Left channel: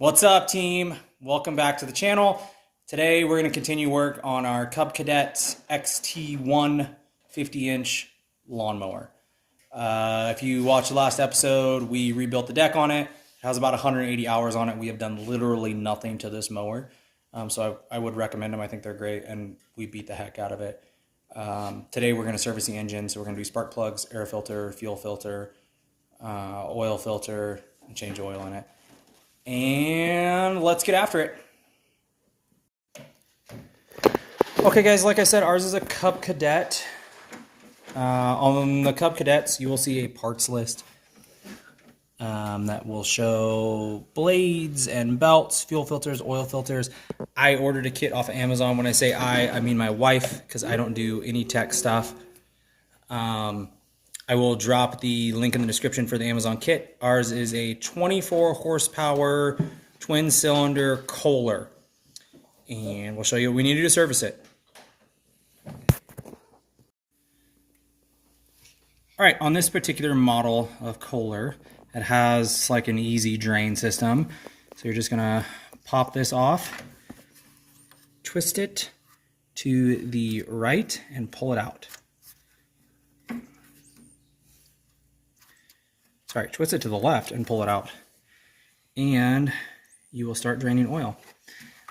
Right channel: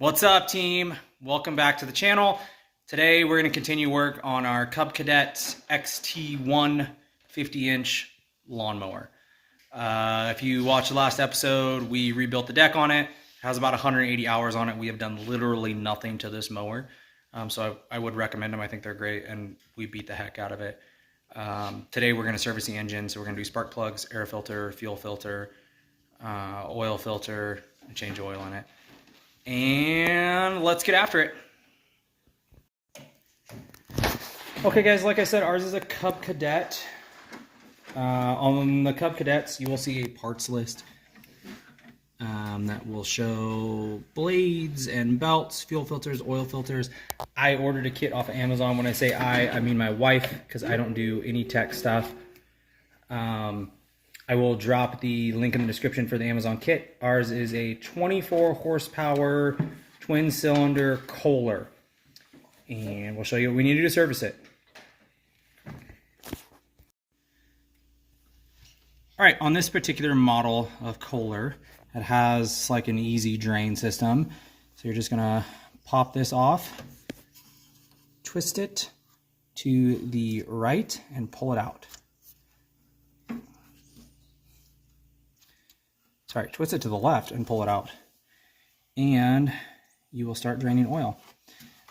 What's up, team? Welcome back to the channel. Today we're going to continue work on our Cub Cadet XT1 50-inch lawnmower. If you watched the last episode, we rebuilt the deck on it. It has about 180 hours on it. We have done literally nothing to this mower. So I would recommend them. I think they're great, and we beat the heck out of it. Today we're going to service the engine. So we're going to do spark plugs, air filter, fuel filter, oil filter, and change oil in it. And let's get after it. Okay guys, like I said, ours is a Cub Cadet. On the Cub Cadets, you will see a parts list that will show blades and belts, fuel filters, oil filters. I ordered a kit off of Amazon. When I say I mean my wife, because I don't do any tech stuff. I will drop the link in the description for the Amazon kit. Ours is a 24 horsepower twin cylinder Kohler. And we'll show you what we need to do to service it. All right, on this particular model of Kohler, it has like an easy drain system. So you're just gonna pop this off, twist it to the right and pull it out. Sorry, twist it to the left and pull it out. And you will start draining oil.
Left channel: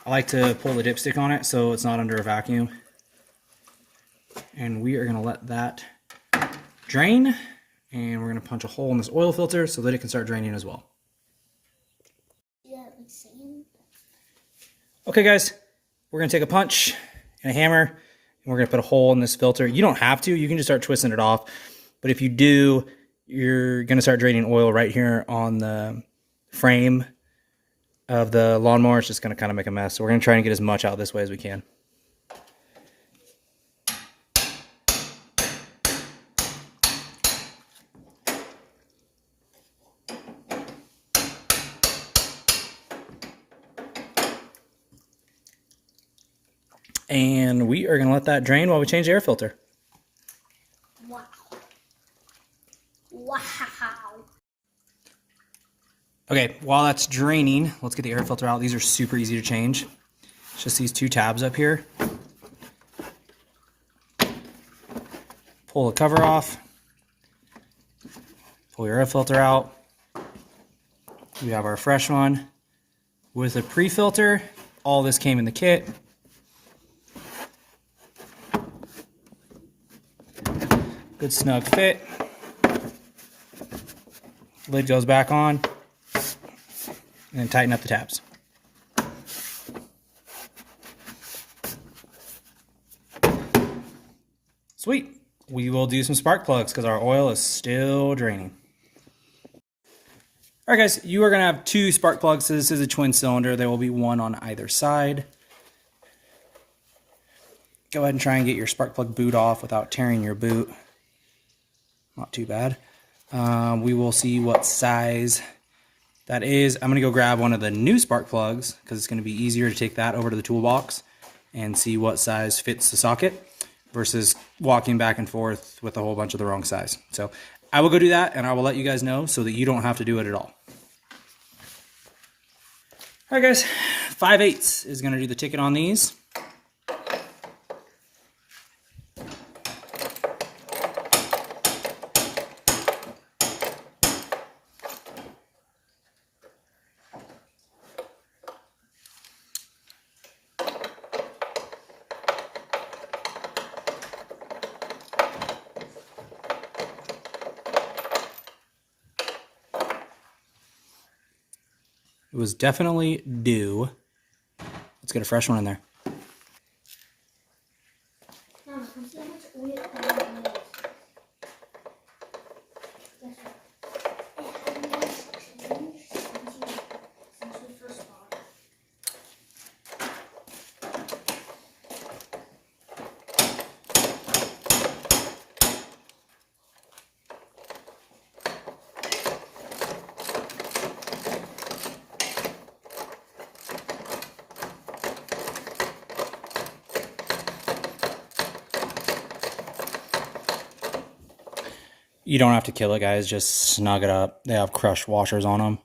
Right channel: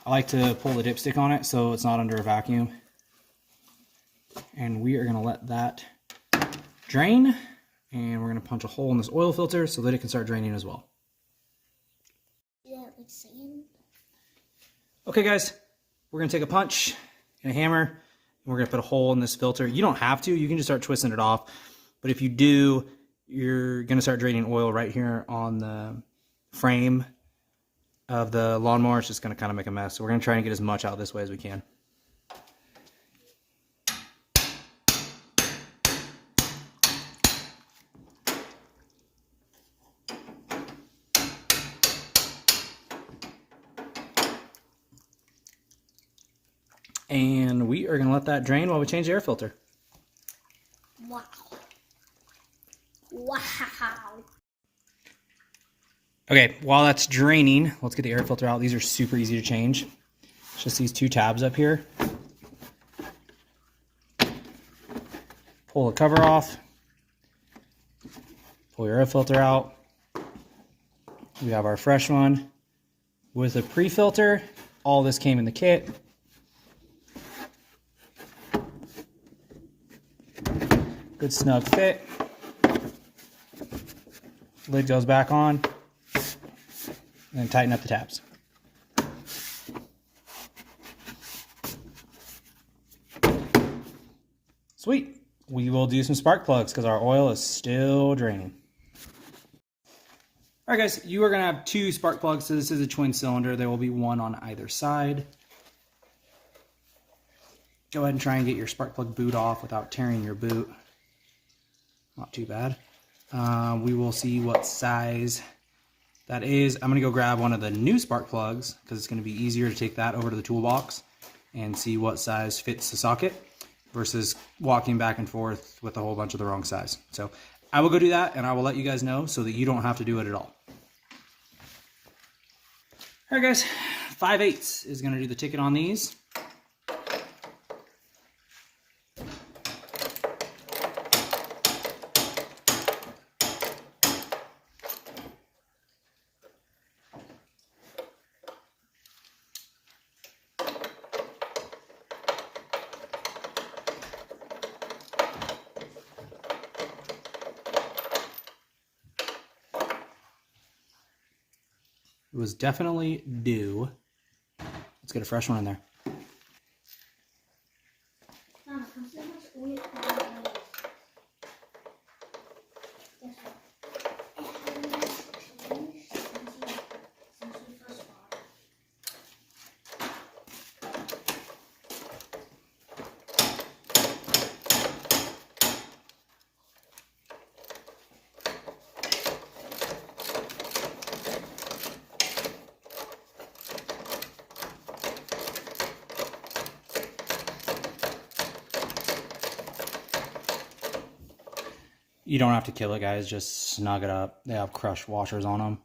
I like to pull the dipstick on it so it's not under a vacuum. And we are gonna let that drain, and we're gonna punch a hole in this oil filter so that it can start draining as well. Yeah, like sand. Okay guys, we're gonna take a punch and a hammer, and we're gonna put a hole in this filter. You don't have to, you can just start twisting it off. But if you do, you're going to start draining oil right here on the frame of the lawnmower. It's just going to kind of make a mess. So we're going to try and get as much out this way as we can. And we are going to let that drain while we change the air filter. Wow. Wow. Okay, while that's draining, let's get the air filter out. These are super easy to change. It's just these two tabs up here. Pull the cover off. Pull your air filter out. We have our fresh one with a pre-filter. All this came in the kit. Good snug fit. Lid goes back on, and then tighten up the tabs. Sweet. We will do some spark plugs because our oil is still draining. All right guys, you are gonna have two spark plugs. So this is a twin cylinder. There will be one on either side. Go ahead and try and get your spark plug boot off without tearing your boot. Not too bad. We will see what size that is. I'm going to go grab one of the new spark plugs because it's going to be easier to take that over to the toolbox and see what size fits the socket versus walking back and forth with a whole bunch of the wrong size. So I will go do that, and I will let you guys know so that you don't have to do it at all. All right guys, 5/8 is going to do the ticket on these. It was definitely due. Let's get a fresh one in there. You don't have to kill it, guys. Just snug it up. They have crushed washers on them.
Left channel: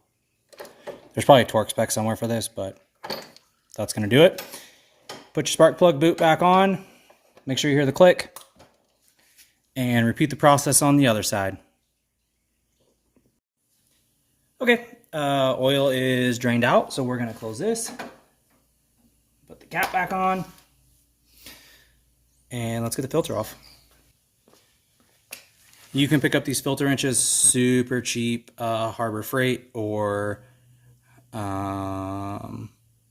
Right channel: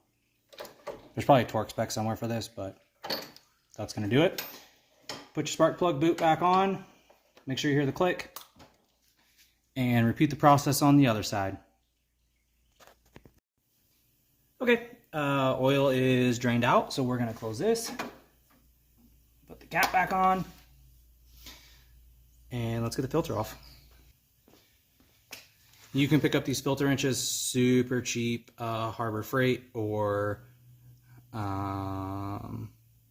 There's probably a torque spec somewhere for this, but that's going to do it. Put your spark plug boot back on. Make sure you hear the click. And repeat the process on the other side. Okay, oil is drained out, so we're going to close this. Put the cap back on. And let's get the filter off. You can pick up these filter wrenches super cheap, Harbor Freight or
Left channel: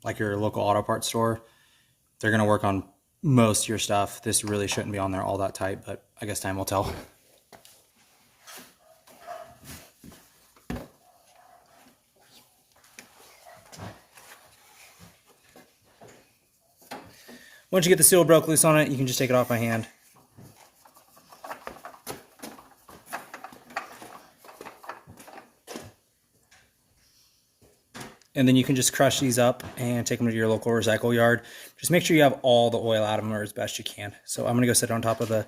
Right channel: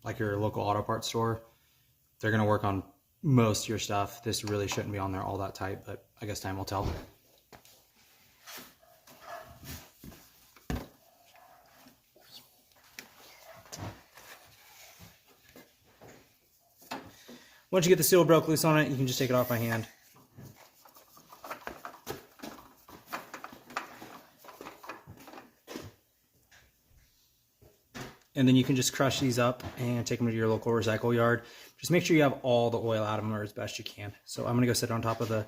like your local auto parts store. They're going to work on most of your stuff. This really shouldn't be on there all that tight, but I guess time will tell. Once you get the seal broke loose on it, you can just take it off by hand. And then you can just crush these up and take them to your local recycle yard. Just make sure you have all the oil out of them or as best you can. So I'm going to go sit on top of the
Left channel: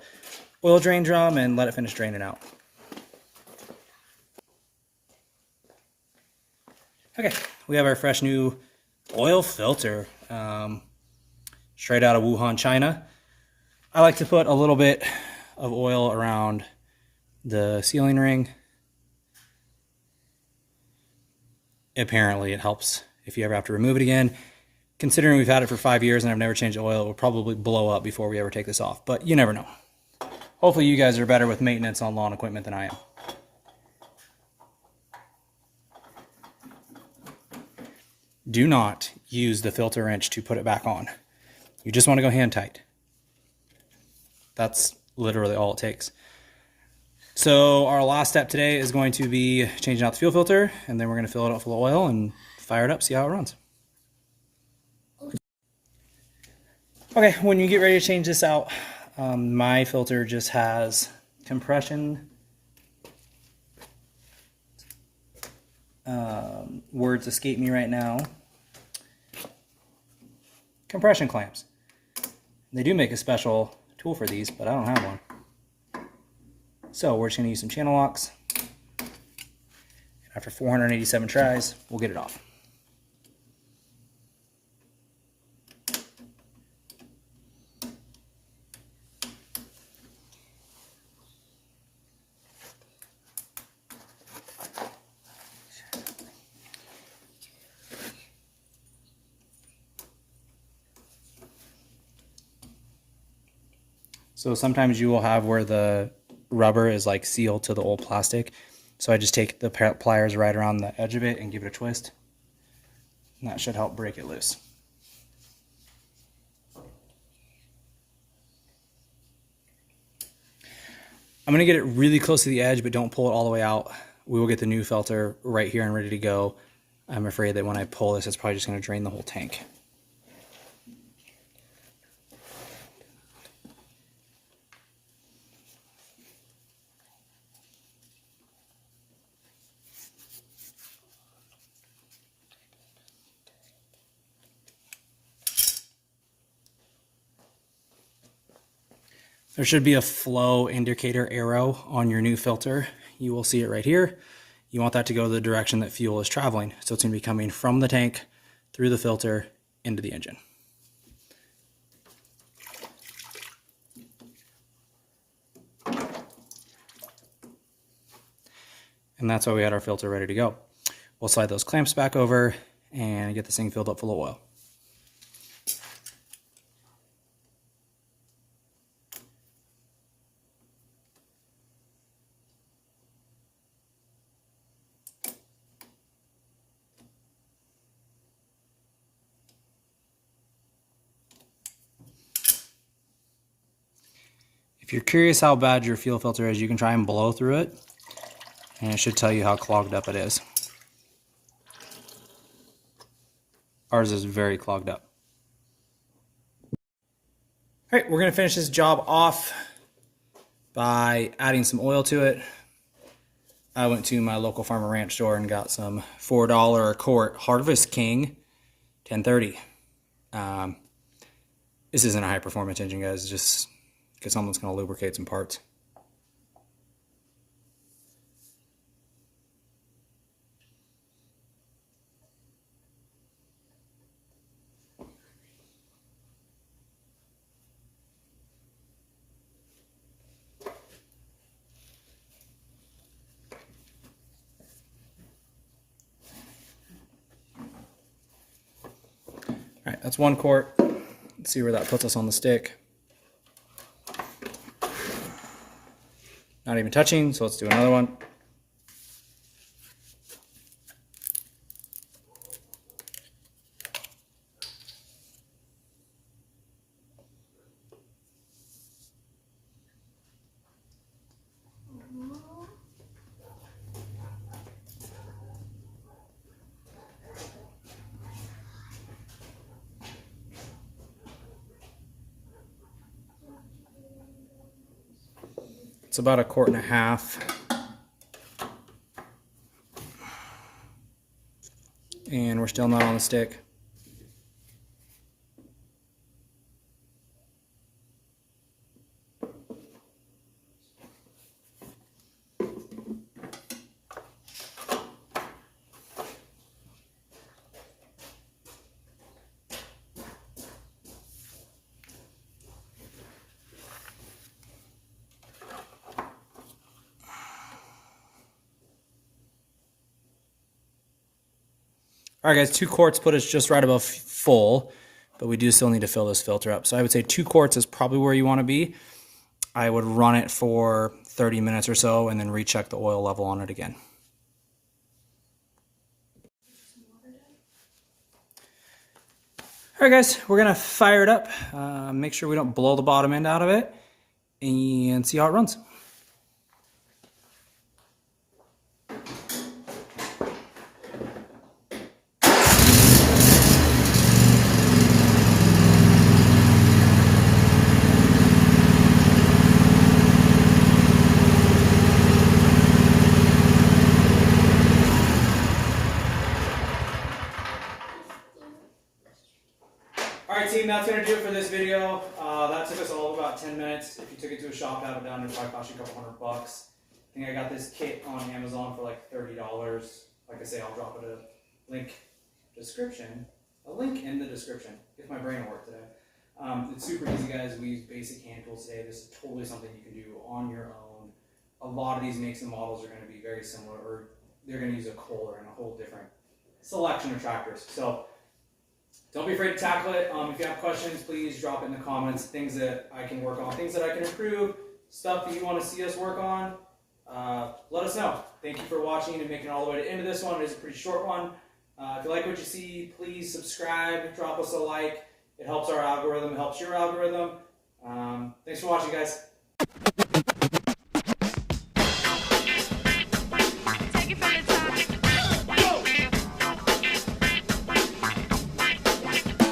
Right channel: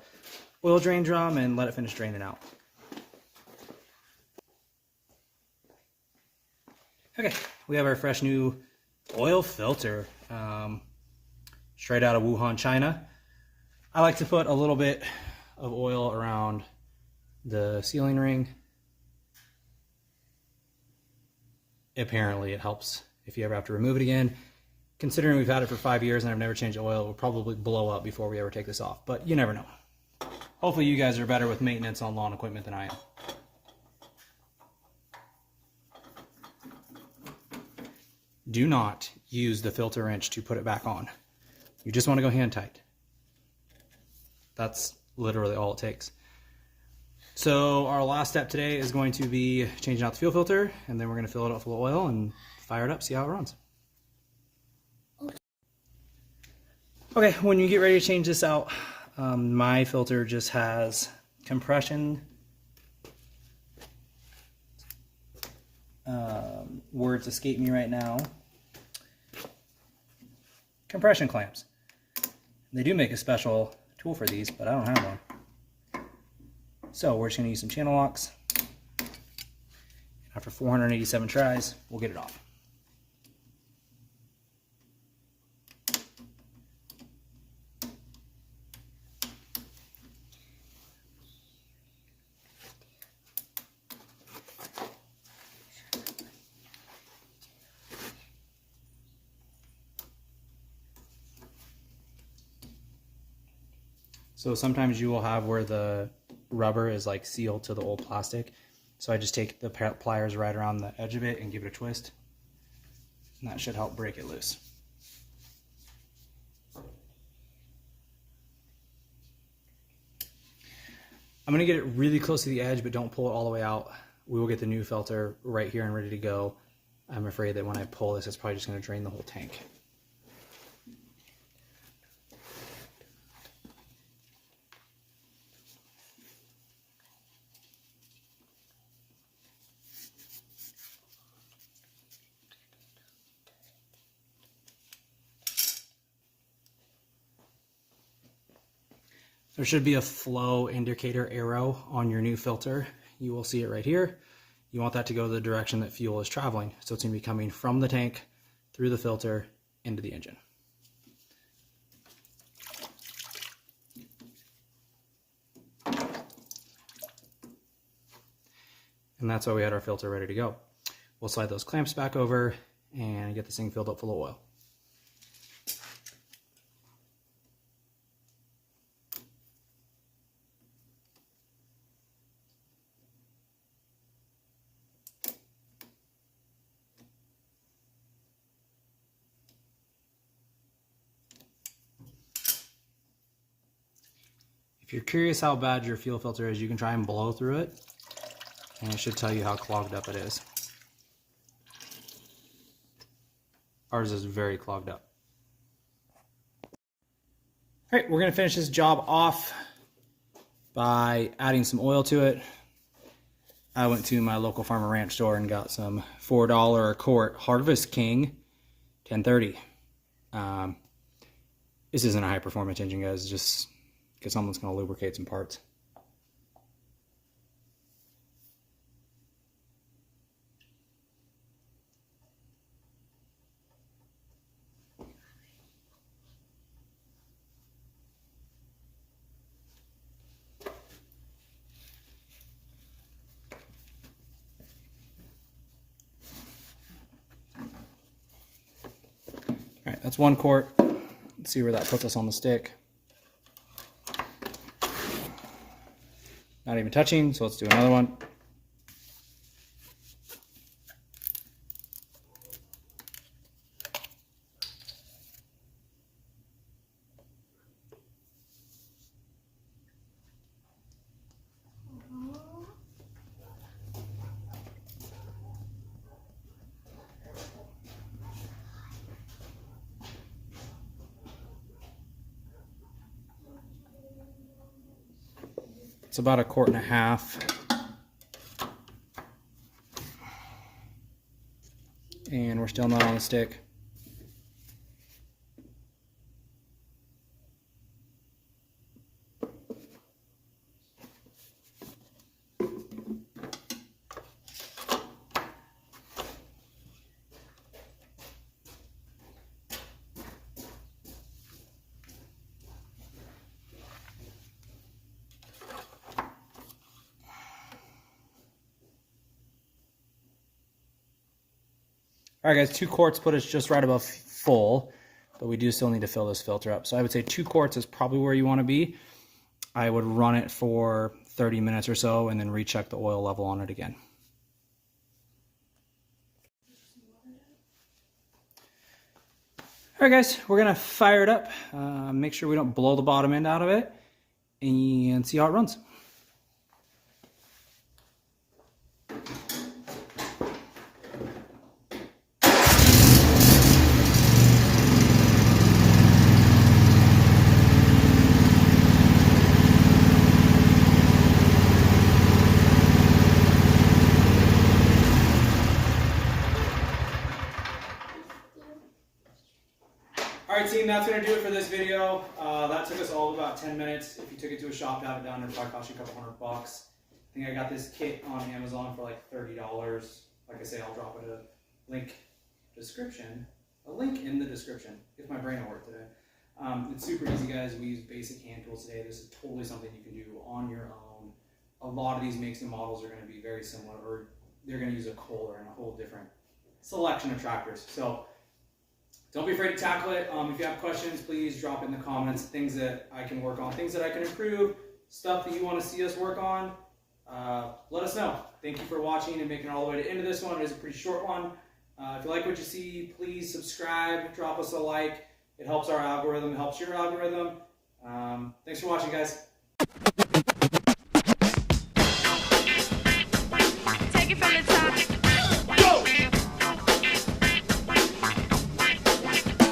oil drain drum and let it finish draining out. Okay, we have our fresh new oil filter. Straight out of Wuhan, China. I like to put a little bit of oil around the sealing ring. Apparently it helps if you ever have to remove it again. Considering we've had it for 5 years and I've never changed the oil, it will probably blow up before we ever take this off, but you never know. Hopefully you guys are better with maintenance on lawn equipment than I am. Do not use the filter wrench to put it back on. You just want to go hand tight. That's literally all it takes. So our last step today is going to be changing out the fuel filter, and then we're going to fill it up full of oil and fire it up, see how it runs. Okay, when you get ready to change this out, my filter just has compression. Words escape me right now. Compression clamps. They do make a special tool for these, but I don't have one. So we're just going to use some channel locks. After 487 tries, we'll get it off. So sometimes you will have where the rubber is like sealed to the old plastic. So I just take the pliers right around the edge of it and give it a twist. And that should help break it loose. I'm going to get it really close to the edge, but don't pull it all the way out. We will get the new filter right here and ready to go. I'm afraid that when I pull this, it's probably just going to drain the whole tank. There should be a flow indicator arrow on your new filter. You will see it right here. You want that to go the direction that fuel is traveling. So it's going to be coming from the tank, through the filter, into the engine. And that's why we had our filter ready to go. We'll slide those clamps back over and get this thing filled up full of oil. If you're curious how bad your fuel filter is, you can try and blow through it, and it should tell you how clogged up it is. Ours is very clogged up. All right, we're going to finish this job off by adding some oil to it. I went to my local farm and ranch store and got some $4 a quart Harvest King 1030. This isn't a high performance engine, guys. It's just because someone's going to lubricate some parts. that's 1 quart. Let's see where that puts us on the stick. Not even touching, so let's do another one. It's about 1.5 quarts. And we're still not on the stick. All right, guys, 2 quarts put us just right above full, but we do still need to fill this filter up. So I would say 2 quarts is probably where you want to be. I would run it for 30 minutes or so and then recheck the oil level on it again. All right, guys, we're going to fire it up, make sure we don't blow the bottom end out of it, and see how it runs. All right, team, that's going to do it for this video. That took us all about 10 minutes. If you took it to a shop to have it done, it'd probably cost you a couple $100. I think I got this kit on Amazon for like $30. Like I say, I'll drop it a link in the description, if my brain will work today. It's super easy, guys. We use basic hand tools today. This is totally something you can do on your own. A lot of these makes and models are going to be very similar, or they're going to use a Kohler and a whole different selection of tractors. So don't be afraid to tackle it. If you have questions, please drop it in the comments. Things that I can work on, things that I can improve, stuff that you want to see us work on. Let us know. Thank you for watching and making it all the way to the end of this one. It is a pretty short one. If you like what you see, please subscribe, drop us a like. It helps our algorithm, it helps your algorithm. Thanks for watching, guys.